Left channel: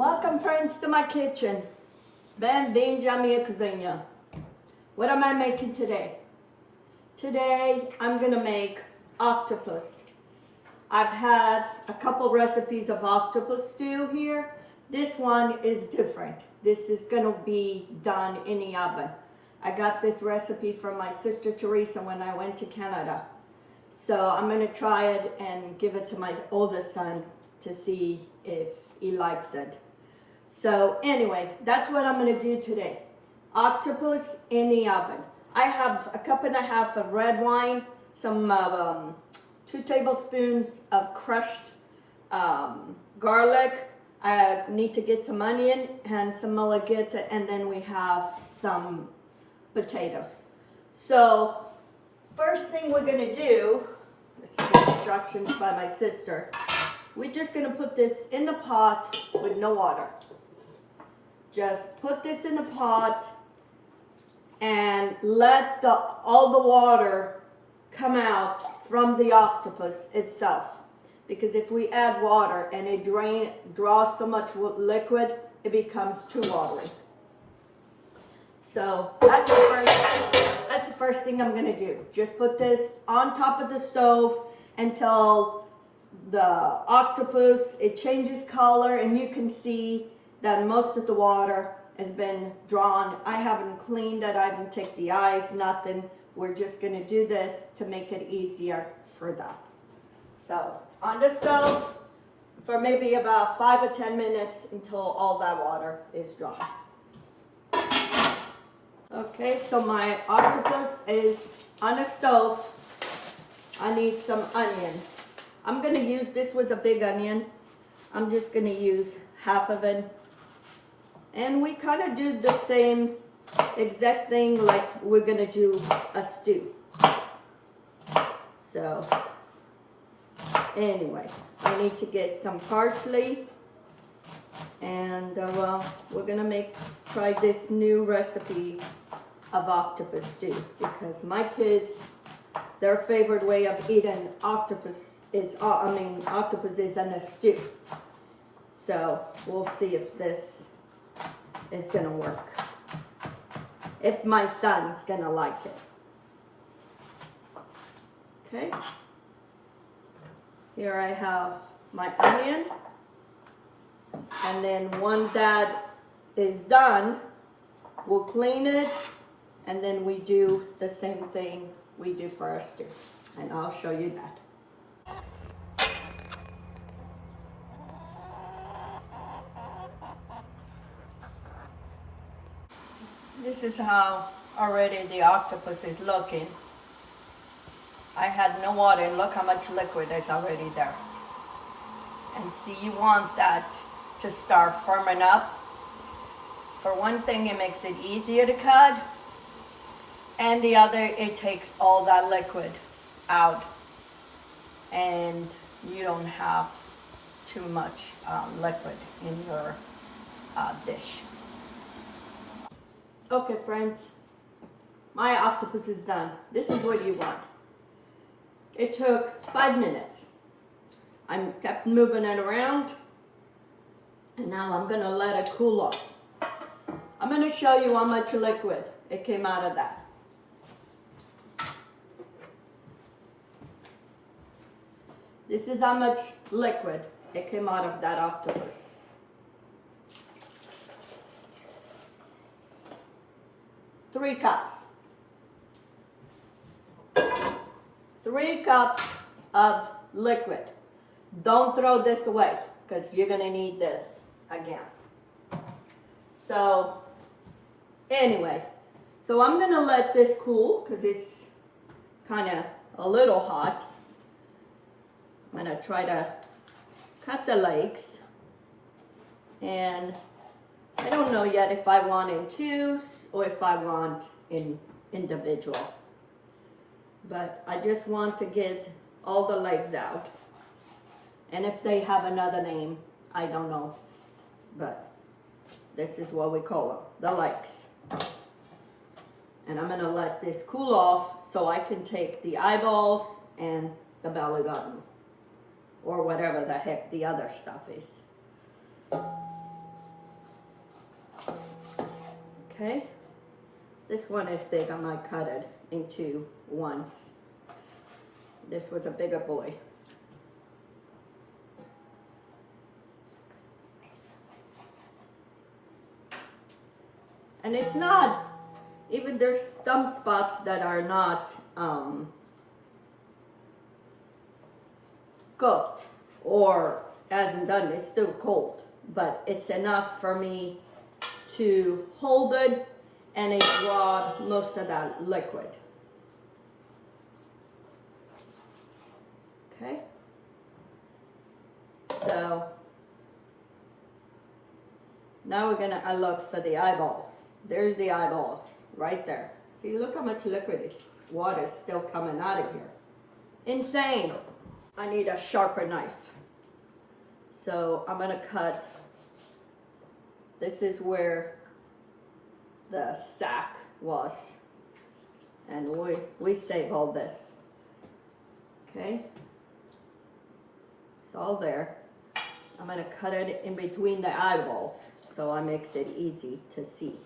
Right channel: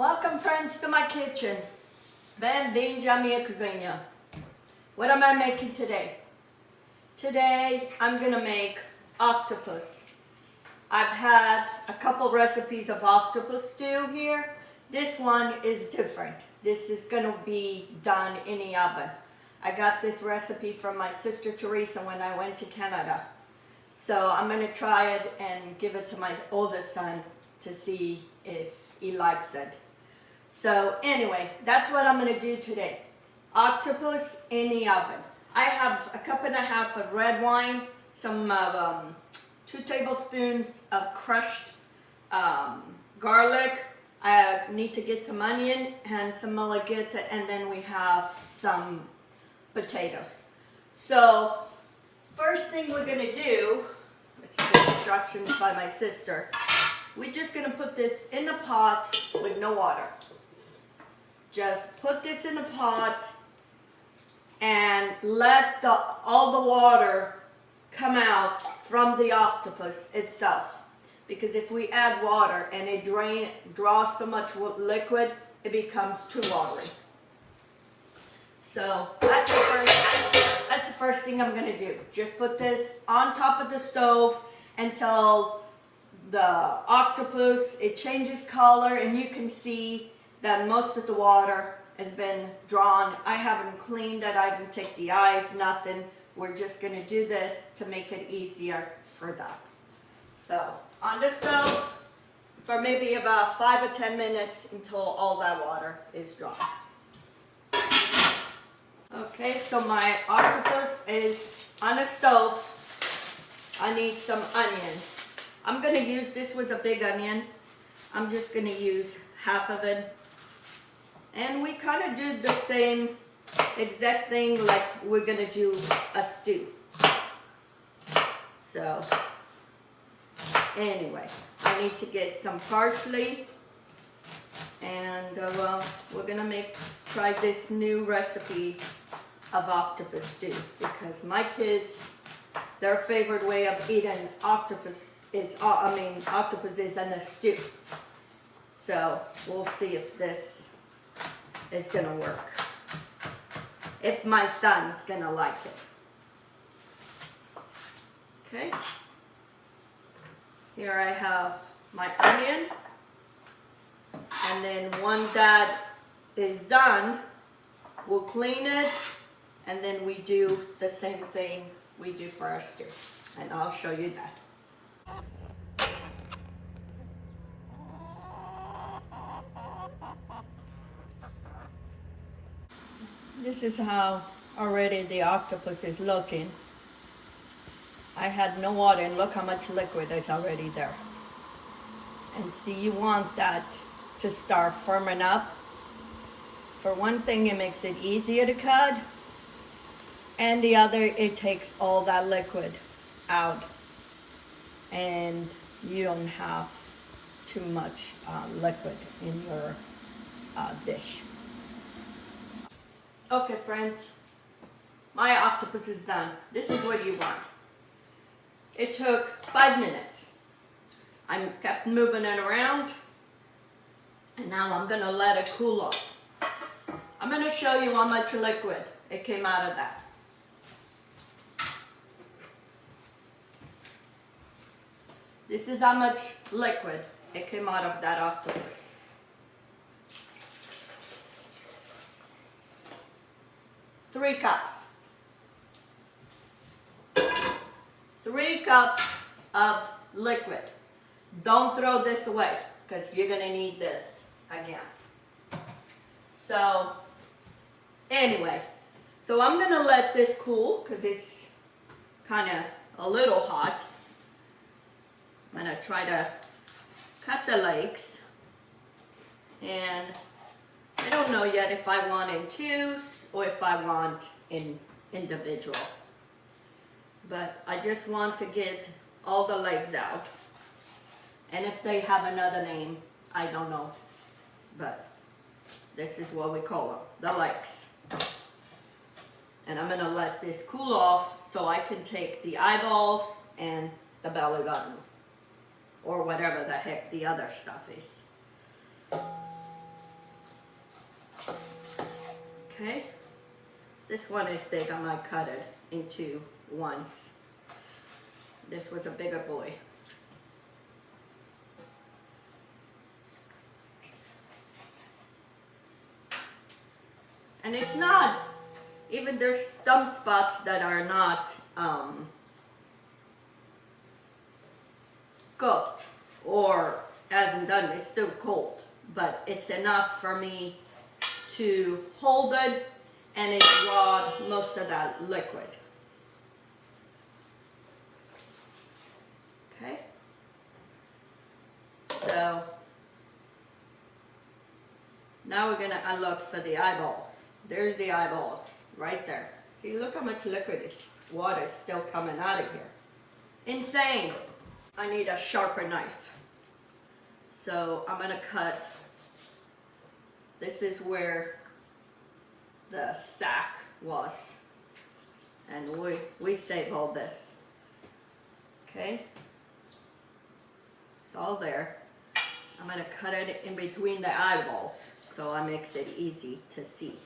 Welcome friends to my kitchen. Bem-vindos à minha cozinha. What am I making today? Today I'm gonna make octopus. I've had a couple recipes of octopus stew here. This one is different. This is gonna be done in the oven. I got this recipe from my sister Teresa when I went to Canada. So I'm gonna try it and give it to my oldest son to see if he likes it. So anyway, that's what I'm gonna do today. Octopus in the oven. I have a cup and a half of red wine, some 2 tablespoons of crushed garlic. I need to get some onion and some malagueta, and then we have some potatoes. So first thing we're gonna do, this is the instructions by my sister. We're just gonna put this in the pot with no water. Just put this in the pot and let all the water come out from the octopus itself. Because if we add water and it draws so much liquid, it becomes too watery. So that's the first thing I'm gonna do. Just put this on top of the stove until the octopus, it changes color and you can see that most of the water has been drawn. I haven't cleaned it, I haven't taken the eyes, nothing. We're just gonna do this to make it easier for that. So on the stove for maybe about 5 or 10 minutes until all that water is drawn. Okay, so my octopus is on the stove. I need some onion. I'm gonna use, this was a big onion. I'm just gonna use half of it. And we kind of do the same exact thing like we're gonna do a stew. So anyway, I need to get some parsley, and we're gonna try this new recipe of octopus stew, because my kids, their favorite way of eating octopus is, octopus is in a stew. So we'll see if this is gonna work. If my son's gonna like it. Okay. Here I have my onion. And then once that is done, we'll clean it. And then we do the same thing we do for our stew. And I'll show you that. This is how already the octopus is looking. I had no water, and look how much liquid is already there. And see, you want that to start firming up. For one thing, it makes it easier to cut, and the other, it takes all that liquid out, and you don't have too much liquid in your dish. Okay friends, my octopus is done. This is what you want. It took 5 minutes. I kept moving it around, and now I'm gonna let it cool off. I'm gonna show you how much liquid it came out of that. This is how much liquid it came out of that octopus. Three cups. 3 cups of liquid. Don't throw this away, because you're gonna need this again. So anyway, so I'm gonna let this cool because it's kind of a little hot. I'm gonna try to cut the legs, and I don't know yet if I want in twos or if I want in individual. But I just want to get all the legs out. And if they have another name, I don't know. But this is what we call them, the legs. And I'm gonna let this cool off so I can take the eyeballs and the belly button, or whatever the heck the other stuff is. Okay, this one is big. I might cut it into ones. This was a bigger boy. And it's not, even there's some spots that are not cooked or hasn't done, it's still cold, but it's enough for me to hold it and it draw most of that liquid. Okay, so now we're gonna look for the eyeballs. There's the eyeballs right there. See, look how much liquid water is still coming out of here. Insane. I need a sharper knife. So I'm gonna cut. This is where the sack was. And we save all this. Okay? It's all there. I'm gonna cut it in between the eyeballs so I makes it easy to see.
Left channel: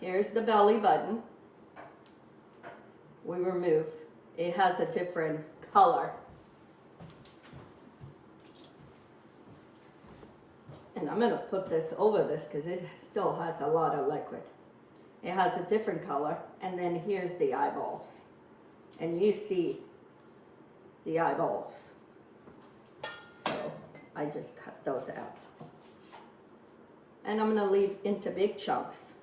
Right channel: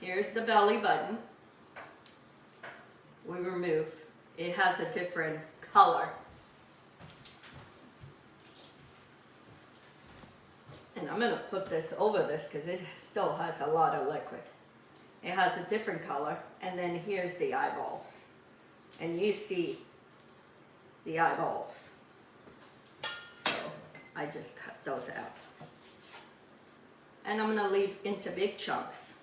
Here's the belly button. We remove. It has a different color. And I'm gonna put this over this because it still has a lot of liquid. It has a different color. And then here's the eyeballs. And you see the eyeballs. So I just cut those out. And I'm gonna leave into big chunks.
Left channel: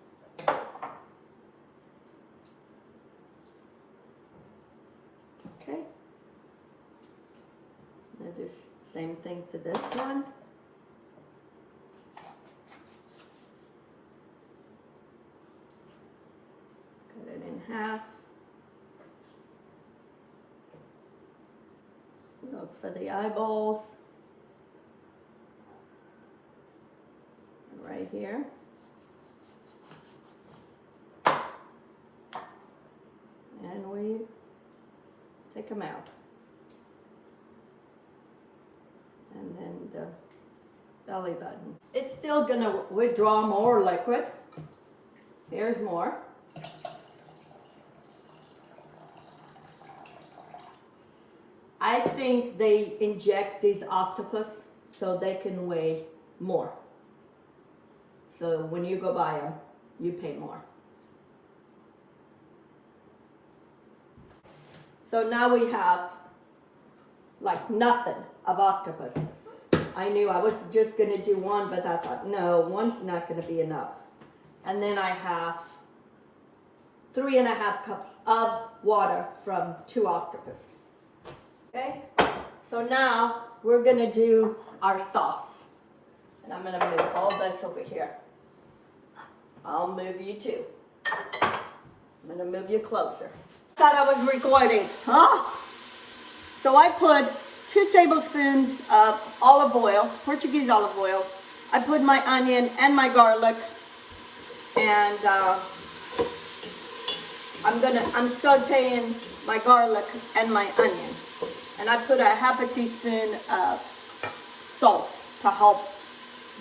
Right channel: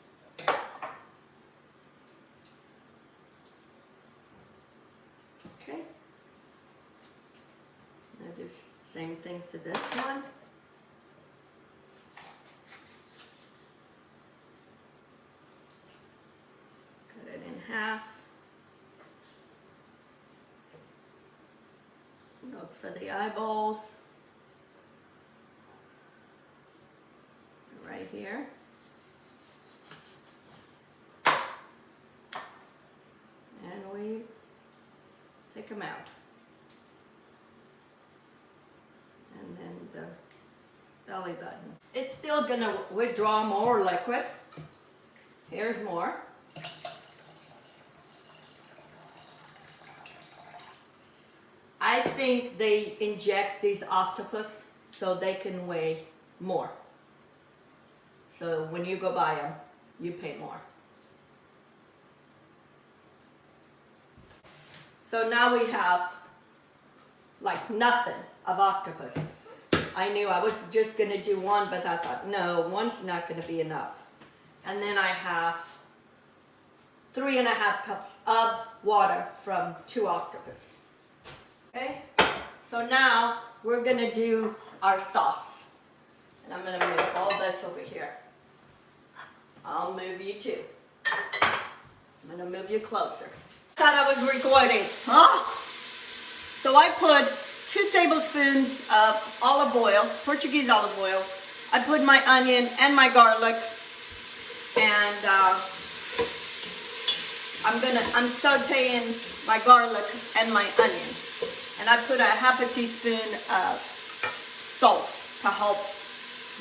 Okay. I'll do the same thing to this one. Cut it in half. Look for the eyeballs. Right here. And we take them out. And then the belly button. It's still gonna withdraw more liquid. Here's more. I think they inject these octopus so they can weigh more. So when you go buy them, you pay more. So now we have like nothing of octopus. I knew I was just gonna do one, but I thought, no, one's not gonna be enough. And then I have 3.5 cups of water from 2 octopus. Okay, so now we're gonna do our sauce. And I'm gonna move all this over here. I'll move you too. I'm gonna move you closer. Thought I was recording. Oh. So I put 2 tablespoons of olive oil, Portuguese olive oil. I put my onion and my garlic, and I'm sautéing my garlic and my onion. And I put a half a teaspoon of salt to help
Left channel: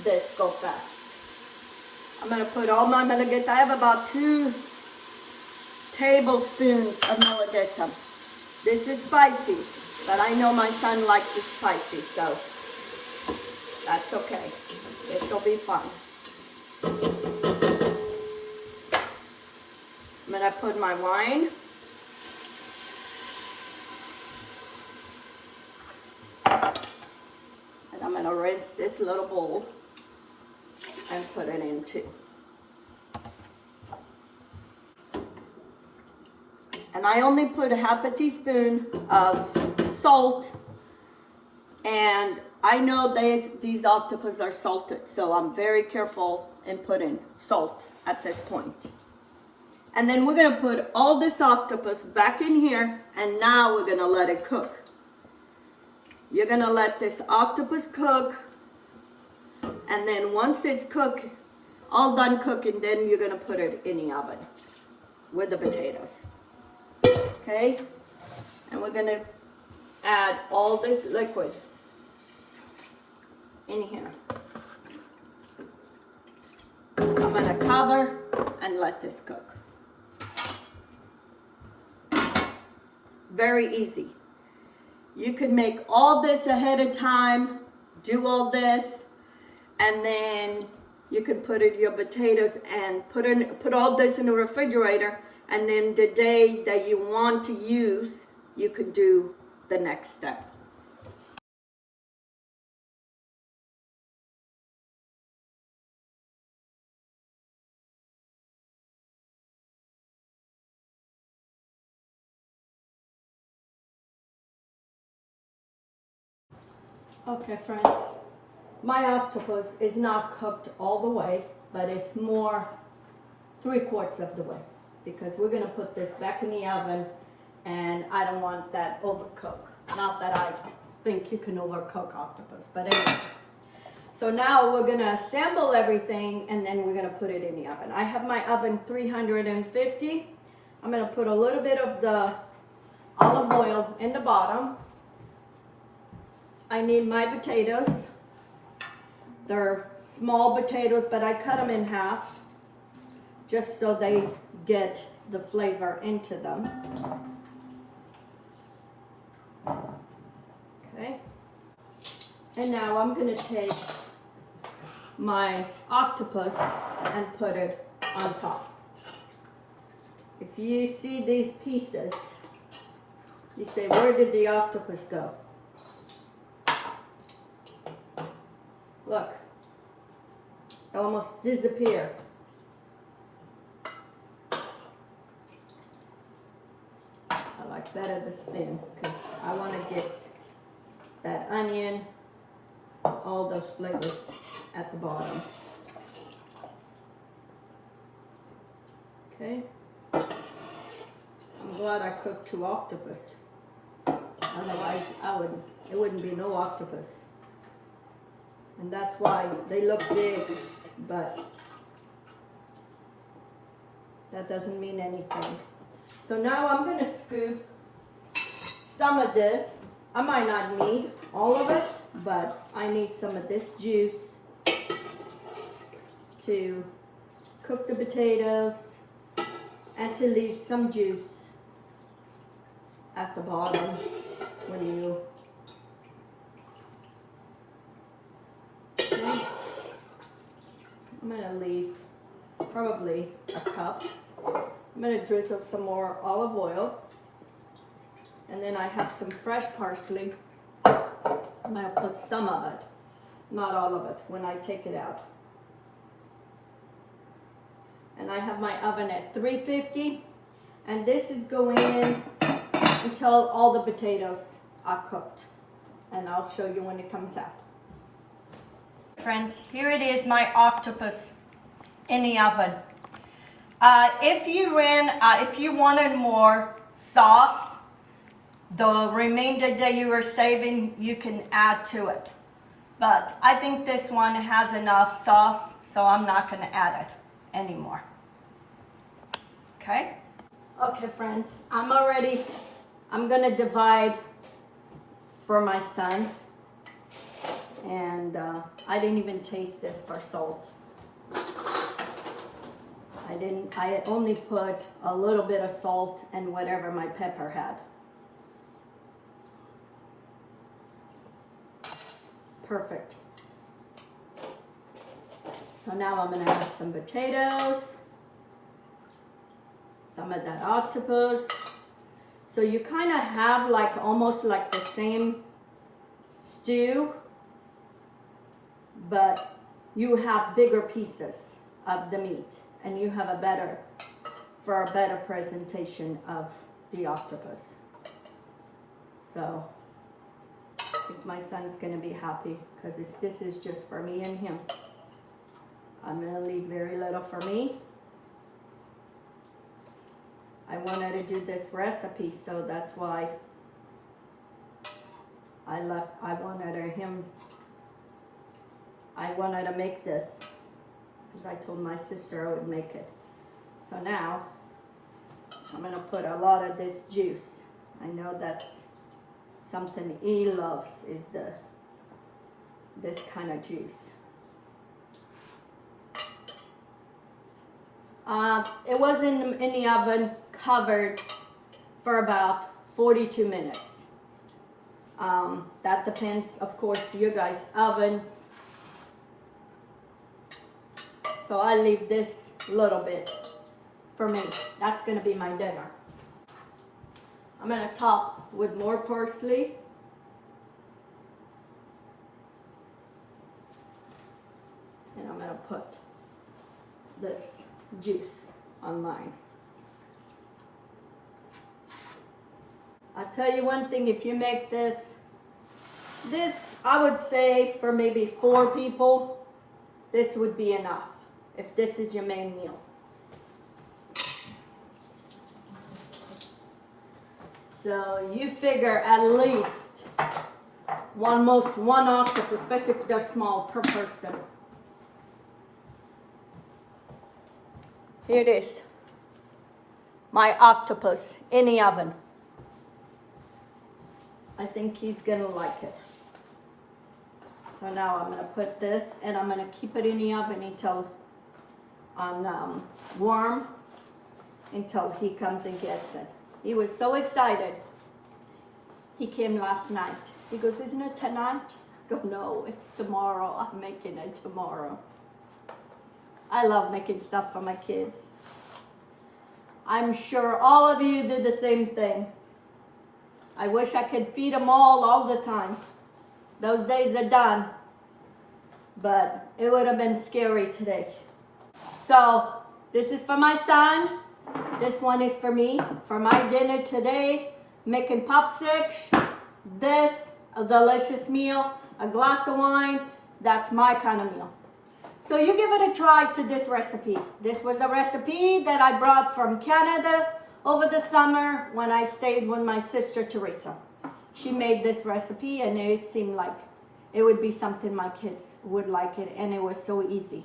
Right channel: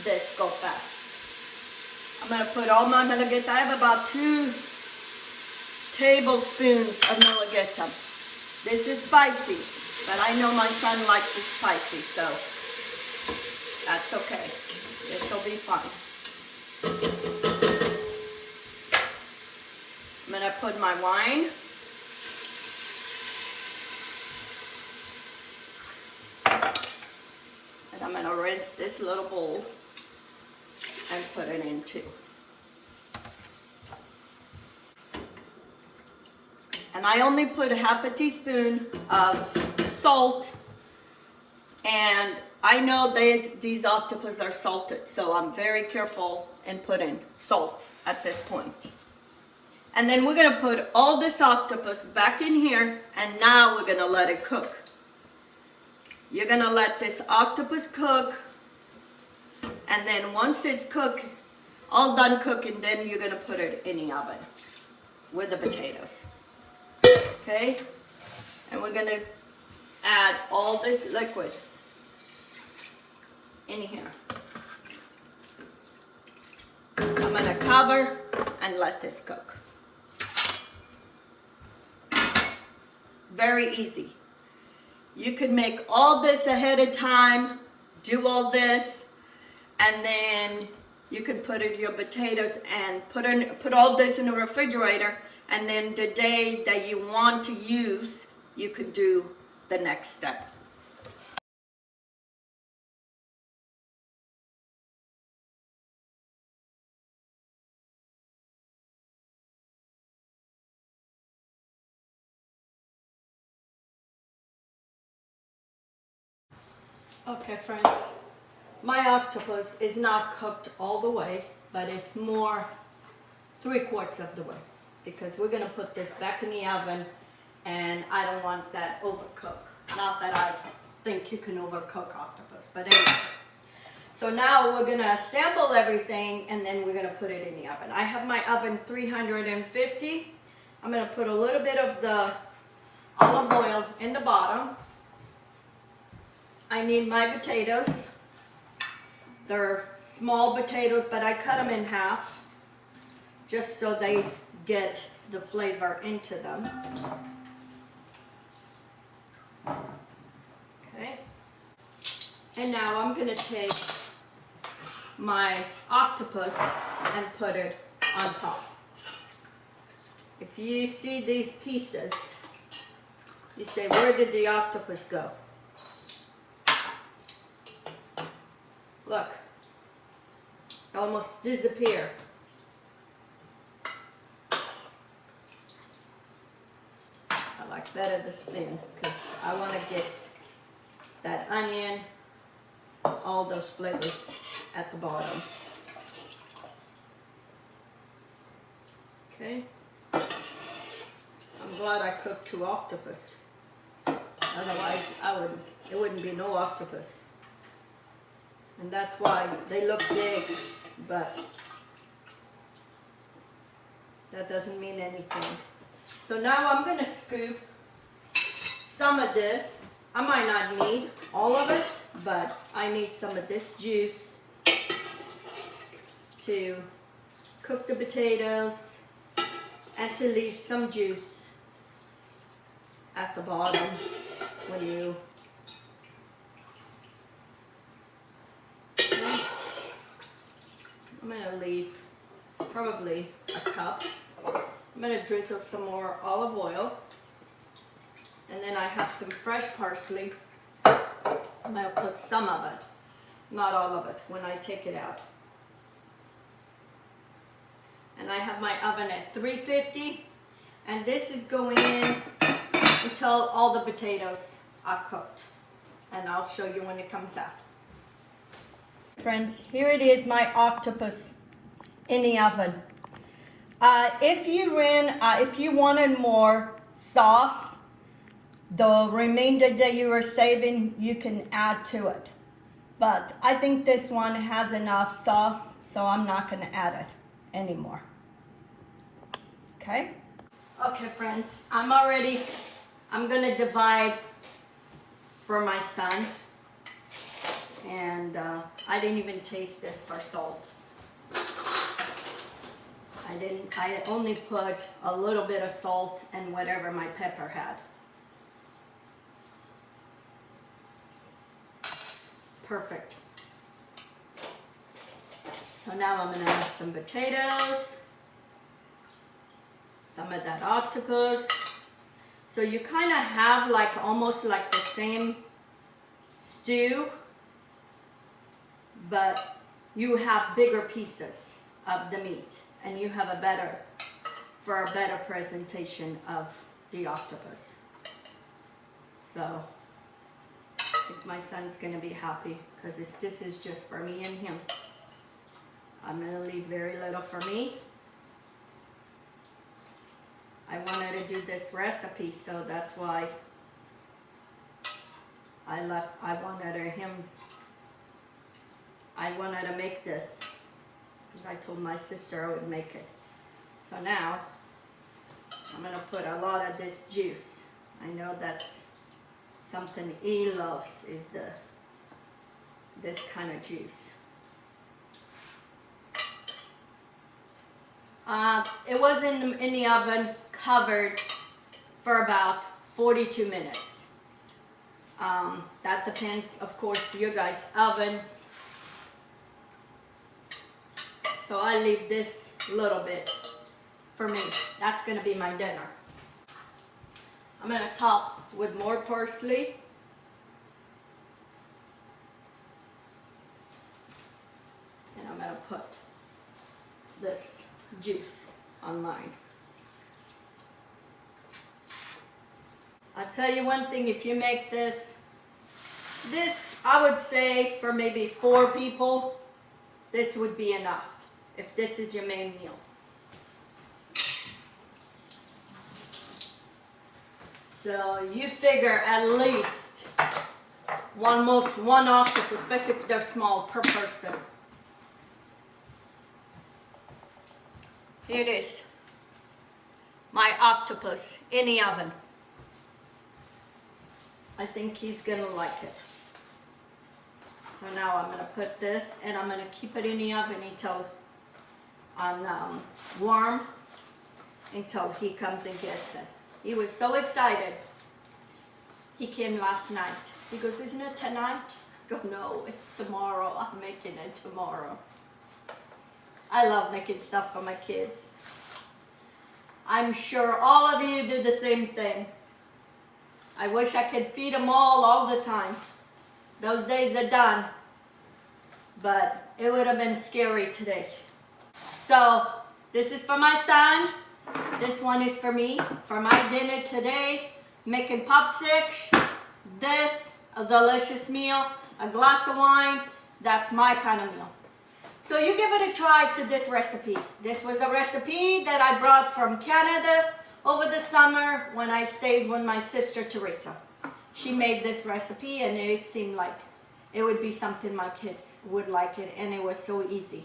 this go fast. I'm gonna put all my malagueta. I have about 2 tablespoons of malagueta. This is spicy, but I know my son likes it spicy, so that's okay. This will be fun. I'm gonna put my wine. And I'm gonna rinse this little bowl and put it in too. And I only put a half a teaspoon of salt, and I know these octopus are salted, so I'm very careful in putting salt at this point. And then we're gonna put all this octopus back in here, and now we're gonna let it cook. You're gonna let this octopus cook, and then once it's cooked, all done cooking, then you're gonna put it in the oven with the potatoes. Okay? And we're gonna add all this liquid in here. I'm gonna cover and let this cook. Very easy. You can make all this ahead of time, do all this, and then you can put in your potatoes and put all this in the refrigerator, and then the day that you want to use, you can do the next step. Okay, friends, my octopus is not cooked all the way, but it's more 3/4 of the way, because we're gonna put this back in the oven, and I don't want that overcooked. Not that I think you can overcook octopus, but anyway. So now we're gonna assemble everything, and then we're gonna put it in the oven. I have my oven 350. I'm gonna put a little bit of the olive oil in the bottom. I need my potatoes. They're small potatoes, but I cut them in half just so they get the flavor into them. Okay. And now I'm gonna take my octopus and put it on top. If you see these pieces, you say, where did the octopus go? Look, it almost disappeared. I like better the spin because I want to get that onion, all those flavors at the bottom. Okay. I'm glad I cooked 2 octopus. Otherwise, it wouldn't be no octopus. And that's why they look big, but that doesn't mean anything. So now I'm gonna scoop some of this. I might not need all of it, but I need some of this juice to cook the potatoes and to leave some juice at the bottom when you I'm gonna leave probably a cup. I'm gonna drizzle some more olive oil. And then I have some fresh parsley. I'm gonna put some of it, not all of it, when I take it out. And I have my oven at 350. And this is going in until all the potatoes are cooked. And I'll show you when it comes out. Friends, here it is, my octopus in the oven. If you wanted more sauce, the remainder that you were saving, you can add to it. But I think this one has enough sauce, so I'm not going to add it anymore. Okay? Okay, friends, I'm going to divide for my son. And I didn't even taste this for salt. I only put a little bit of salt and whatever my pepper had. Perfect. So now I'm gonna have some potatoes, some of that octopus. So you kind of have like almost like the same stew, but you have bigger pieces of the meat, and you have a better presentation of the octopus. So I think my son's gonna be happy because this is just for me and him. I'm gonna leave very little for me. I wanted to do this recipe, so that's why I wanted to make this because I told my sister I would make it. So now I'm gonna put a lot of this juice. I know that's something he loves, is this kind of juice. It was in the oven, covered for about 42 minutes. That depends, of course, your guys' ovens. So I leave this little bit for me. That's gonna be my dinner. I'm gonna top with more parsley. And I'm gonna put this juice on mine. I'll tell you one thing, if you make this I would say for maybe 4 people, this would be enough if this is your main meal. So you figure at least almost one octopus, especially if they're small, per person. Here it is, my octopus in the oven. I think he's gonna like it. So now I'm gonna put this and I'm gonna keep it in the oven until warm, until he comes and gets it. He was so excited. He came last night. He goes, "Isn't it tonight?" I go, "No, it's tomorrow. I'm making it tomorrow." I love making stuff for my kids. I'm sure all of you did the same thing. I wish I could feed them all the time. Those days are done. But it would have been scary today. So this is for my son. This one is for me. For my dinner today, making popsicks. This, a delicious meal, a glass of wine. That's my kind of meal. So you give it a try to this recipe. This was a recipe that I brought from Canada over the summer when I stayed with my sister Teresa. She made this recipe and it seemed like it would be something my kids would like it, and it was so easy.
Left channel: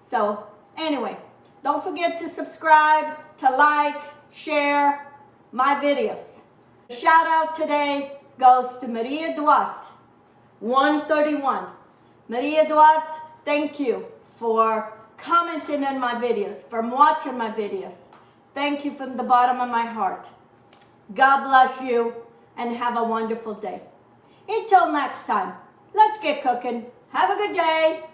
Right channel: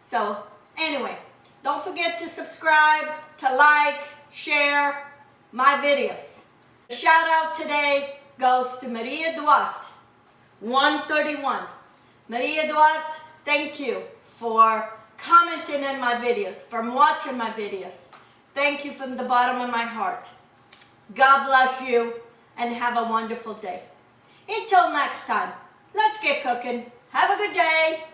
So anyway, don't forget to subscribe, to like, share my videos. The shout out today goes to Maria Duarte, 131. Maria Duarte, thank you for commenting on my videos, for watching my videos. Thank you from the bottom of my heart. God bless you and have a wonderful day. Until next time, let's get cooking. Have a good day.